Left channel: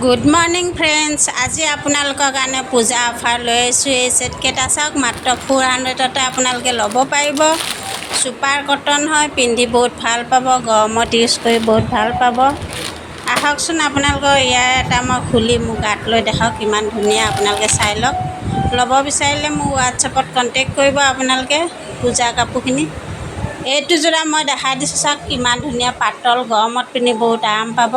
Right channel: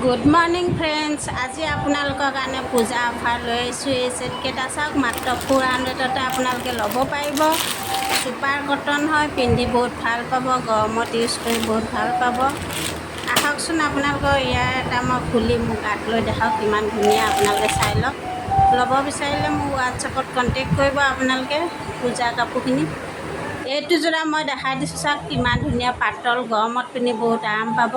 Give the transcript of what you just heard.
Good morning friends. আজি আপোনালোকৰ কাৰণে পূজা অফাৰ লৈ আহিছোঁ। এই ছেটকেইটা চাওক, মাত্ৰ 400তে আপোনালোকে ল'ব পাৰিব। ছুপাৰ কটন হয়, পিন্ধি বহুত ভাল পাব, গৰমত ইউজ কৰি বহুত ভাল পাব। আহকচোন আপোনালোকৰ ইয়াৰ এটা মই খুলি মোৰ গাত লৈ দেখাওক, কিমান ধুনীয়া। আপোনালোকে চাই লওক। ল'ব বিচাৰিলে মোক হোৱাটছএপত কণ্টেক্ট কৰিব আপোনালোকে পূজা কাপোৰখিনি। এইটো যোৰা মই দেখাই দিছোঁ চাওক, কিমান ধুনীয়া পাতল, গৰমত পিন্ধি বহুত আৰাম পাব।